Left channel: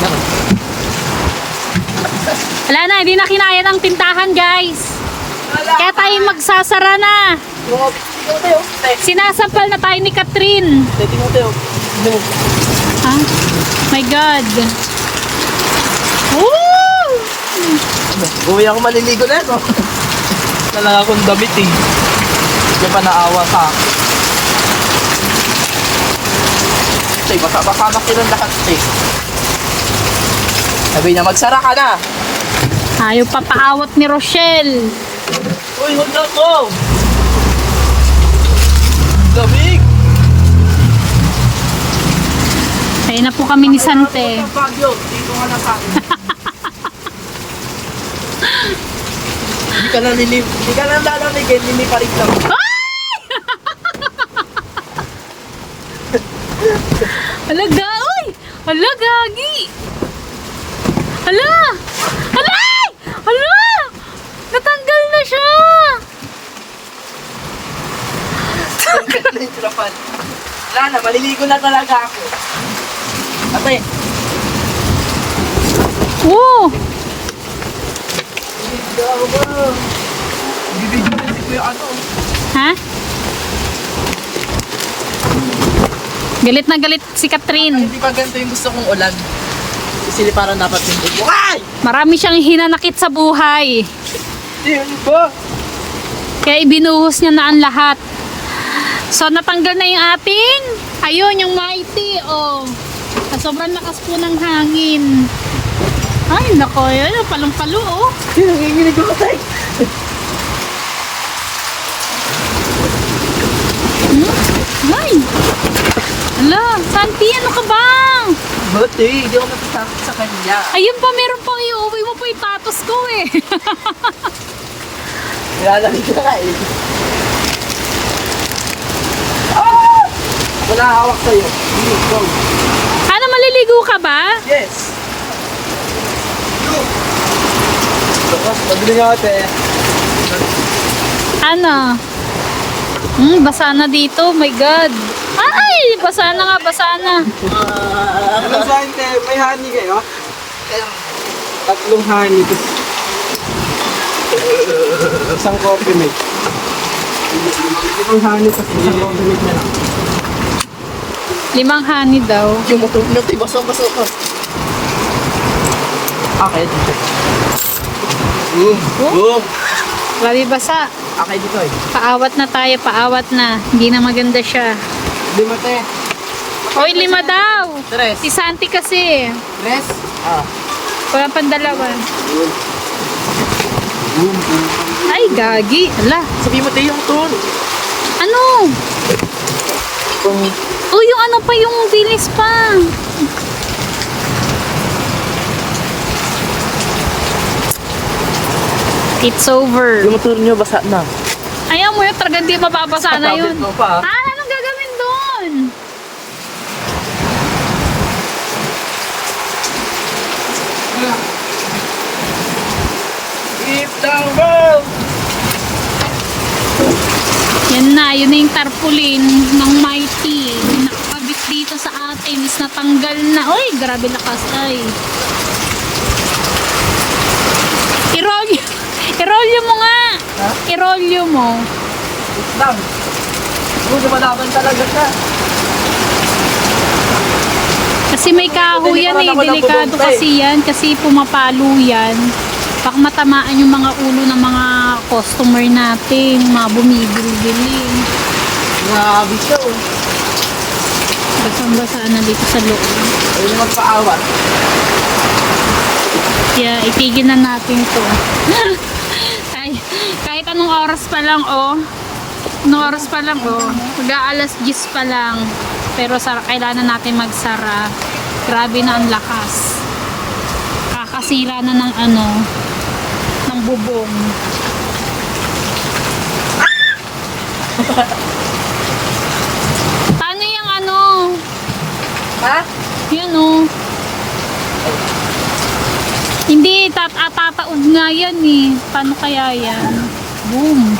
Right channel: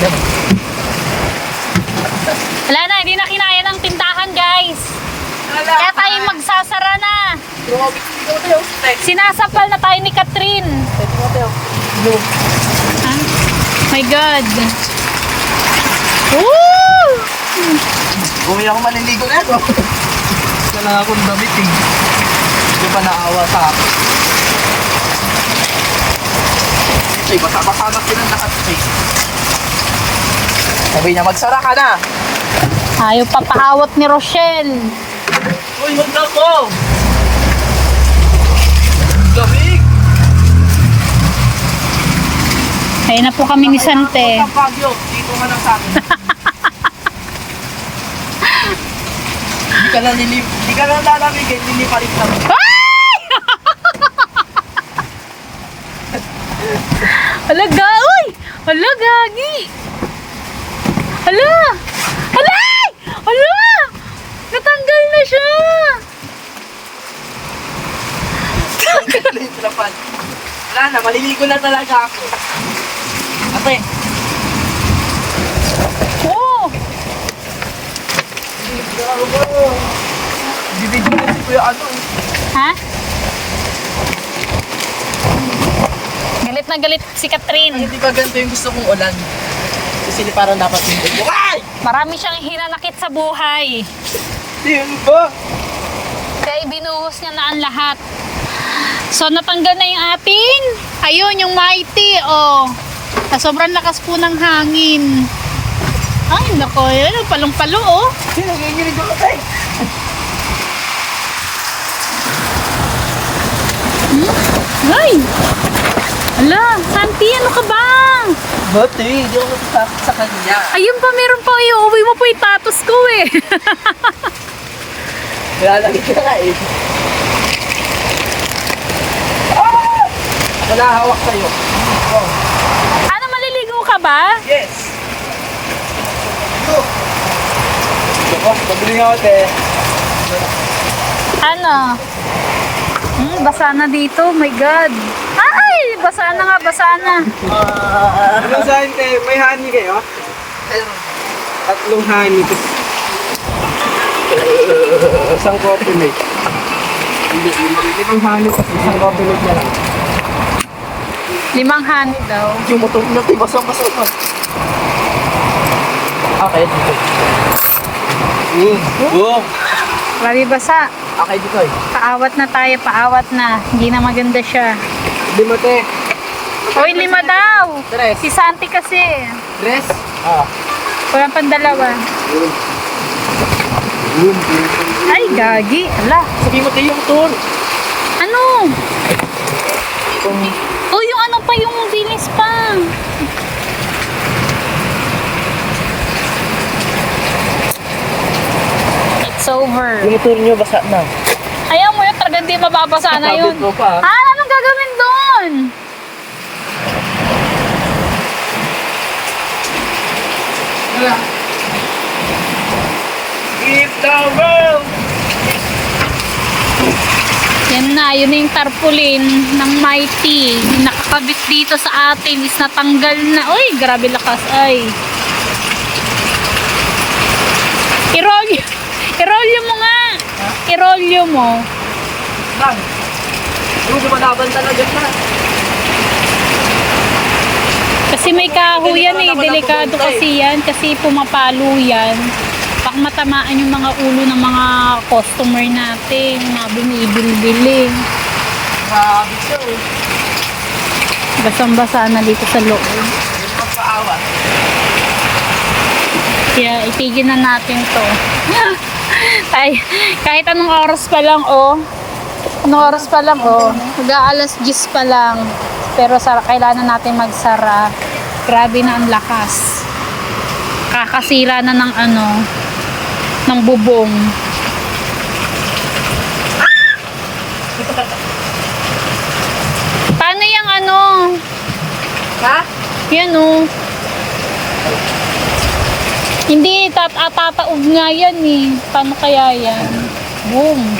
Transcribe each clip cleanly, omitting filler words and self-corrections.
lang. Wala na, hindi na kinaya ng tindahan, guys. Kaya tayo magsasara na. Sinasampal na tayo ni Catherine. Ah, my God. Woo! Buwi ako maliligo na ako. Wala akong damit eh. Hindi pa naawa sa akin. Okay, basa-basa na silang lahat eh. Sabi niya, magsara ka na. Ayaw papaawat ni Rochelle. Uy, huwag na ako. Gamig. Ayun na po kami ni Sante. Bagyo, dito ka na sa akin. Hindi ka lang lalamig eh, liliparit lang. Hala, uy! Hala, gagi! Hala! Hala! Hala! Natanggal na siya! Wala na, maliligo na talaga ako. Ate. Oo! Bibigyan na si Kuya ano. Ha? Galit na galit si Catherine. Hindi pa ganito yung gusto kong ulan. Isili parang dapat yung ulan. Ay! Marami siyang hinanakit sa buhay. Yun ko! Kaya ibinuhos niya na ang lahat. So natanggal na yung ating, ayun yung mighty, oh. Sa sobrang lakas po ng hangin. Ay nako, yun, palong-palo, oh. Nanginginig ako tayo. Ay! Ala, Santi, ano ka ba? Bati, hindi ako natatakot sa kanya. Ayun pa, meron pa, iuwi mo po yung tatos ko, eh. Nilalamig ka nga eh. Ah! Wala hawak sa'yo. Ano, maliligo ka ba? Yes. Go. Paglingote. Ano? Basa na dito, my God. Ay, basa na nga, basa na. Ano saan tayo? May honey kayo? Tatlong honey. Isang coffee mate. Hindi, limang honey tapos isang coffee mate na lang. 5 honey daw. Yung motor nyo, basang-basa pa. Kaya dito. Boom! Grabe basa. Kaya dito eh. Paawat na tayo, paawat na. Hindi na maganda siya. Lima te. Hoy, 5 daw. Tres. Si Santi kasi. Tres? Ah. Wala pang 2. Ay, gagi. Ala. Sabi mo tayo yung motor. Ano? Oh, yung ano pa, yung bilis pa. It's over. Yung motor nyo, basa na. Ayaw mo yun, talagang di mababasa na yun. Kapit mo pa. Ah, anong gagawin doon? Keep the road! Yan na, yun na yung tarpaulin ng Mighty. Yung nakakabit dito sa atin is natanggal na. Uy, grabe lakas. Ay. Irolyo mo nga. Irolyo mo. Lang. Hindi mo laban talaga na. Kasi may kahoy yan eh. Delikado kasi yan. Kasi pumapalo yan. Baka matamaan yung mga ulo ng mga customer natin. Mga bumibil-bili. Grabe siya oh. Basang-basa na dito sa loob. Ayun magpaawa. Kaya itigil na natin to. Ay, kahit anong oras pa lang oh. Anong oras pa lang oh. Mag-aalas 10 pa lang. Pero kailangan natin magsara. Grabe na ang lakas. Kakasira na ng ano, ng bubong. Paano yung ano? Ha? Yan oh. Hindi, tataob nga yan eh. Paano kaya yan? Boom.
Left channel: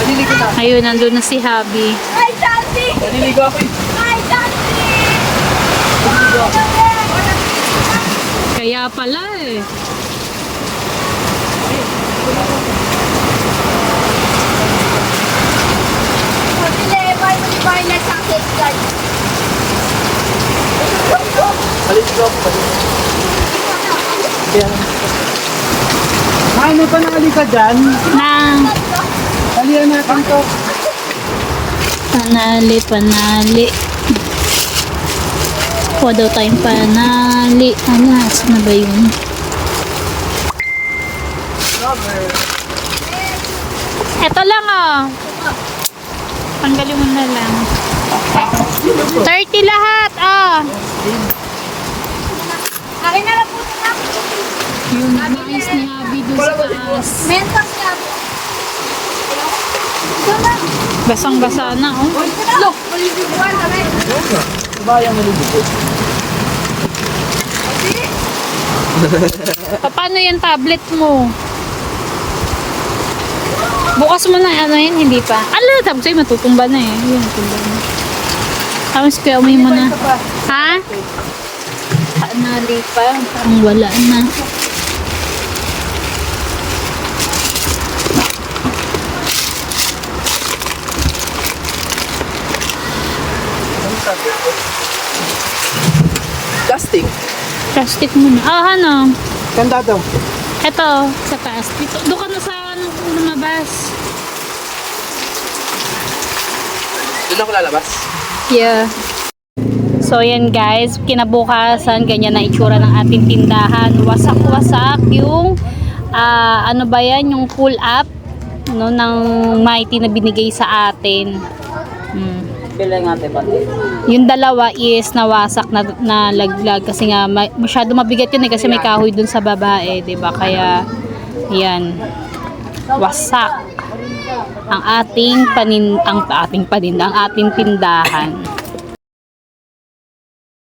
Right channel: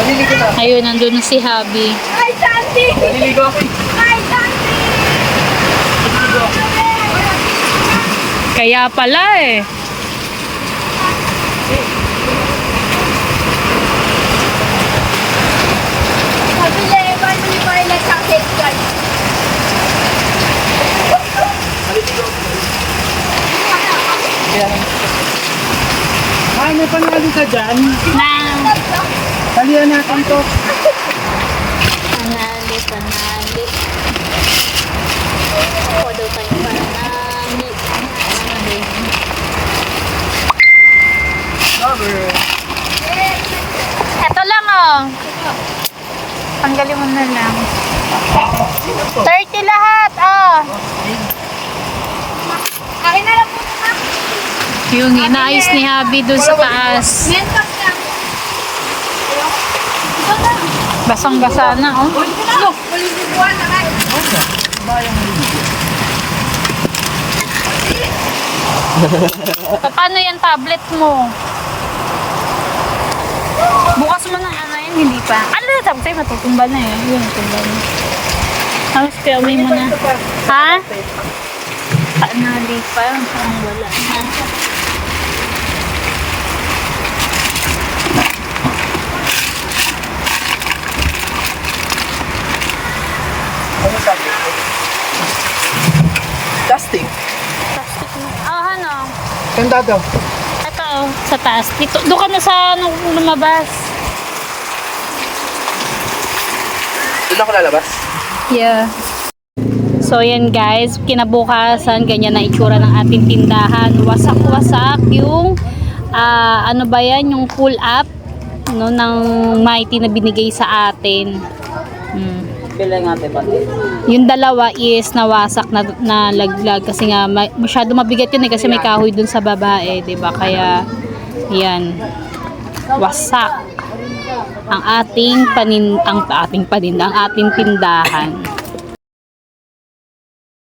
Maliligo na. Ayun, nandun na si Habi. Ay, Naliligo ako eh. Kaya pala eh. Kaya Ay, may pangali ka dyan. Nang Halihan natin to. panali. Kuha daw tayong panali. Ano, saan na ba yun? Eto lang oh. Tanggalin mo na lang. 30 lahat oh. Yung inaayos ni Habi dun sa taas. Basang-basa na oh. Baka yung naliligo. Paano yan tablet mo? Bukas mo na ano yan, hindi pa. Ano, tapos sa'yo matutumba na yan. Yung matumba na. Tapos kaya umay mo na. Ha? Mali pa. Ang wala na. Ano sabi? Plastic. Plastic mo na. Ah, ano? Ganda daw. Ito, sa taas. Dito, doon ka na sa nung lumabas. Doon ako lalabas. Yeah. So yan guys, kinabukasan ganyan na itsura ng ating tindahan. Wasak-wasak yung ano ba yan, yung pull up no ng Mighty na binigay sa atin. Bilang natin pati. Yung dalawa is nawasak na laglag kasi nga masyado mabigat yun eh kasi may kahoy dun sa babae, 'di ba? Kaya yan. Wasak ang ating paninda, ang ating tindahan.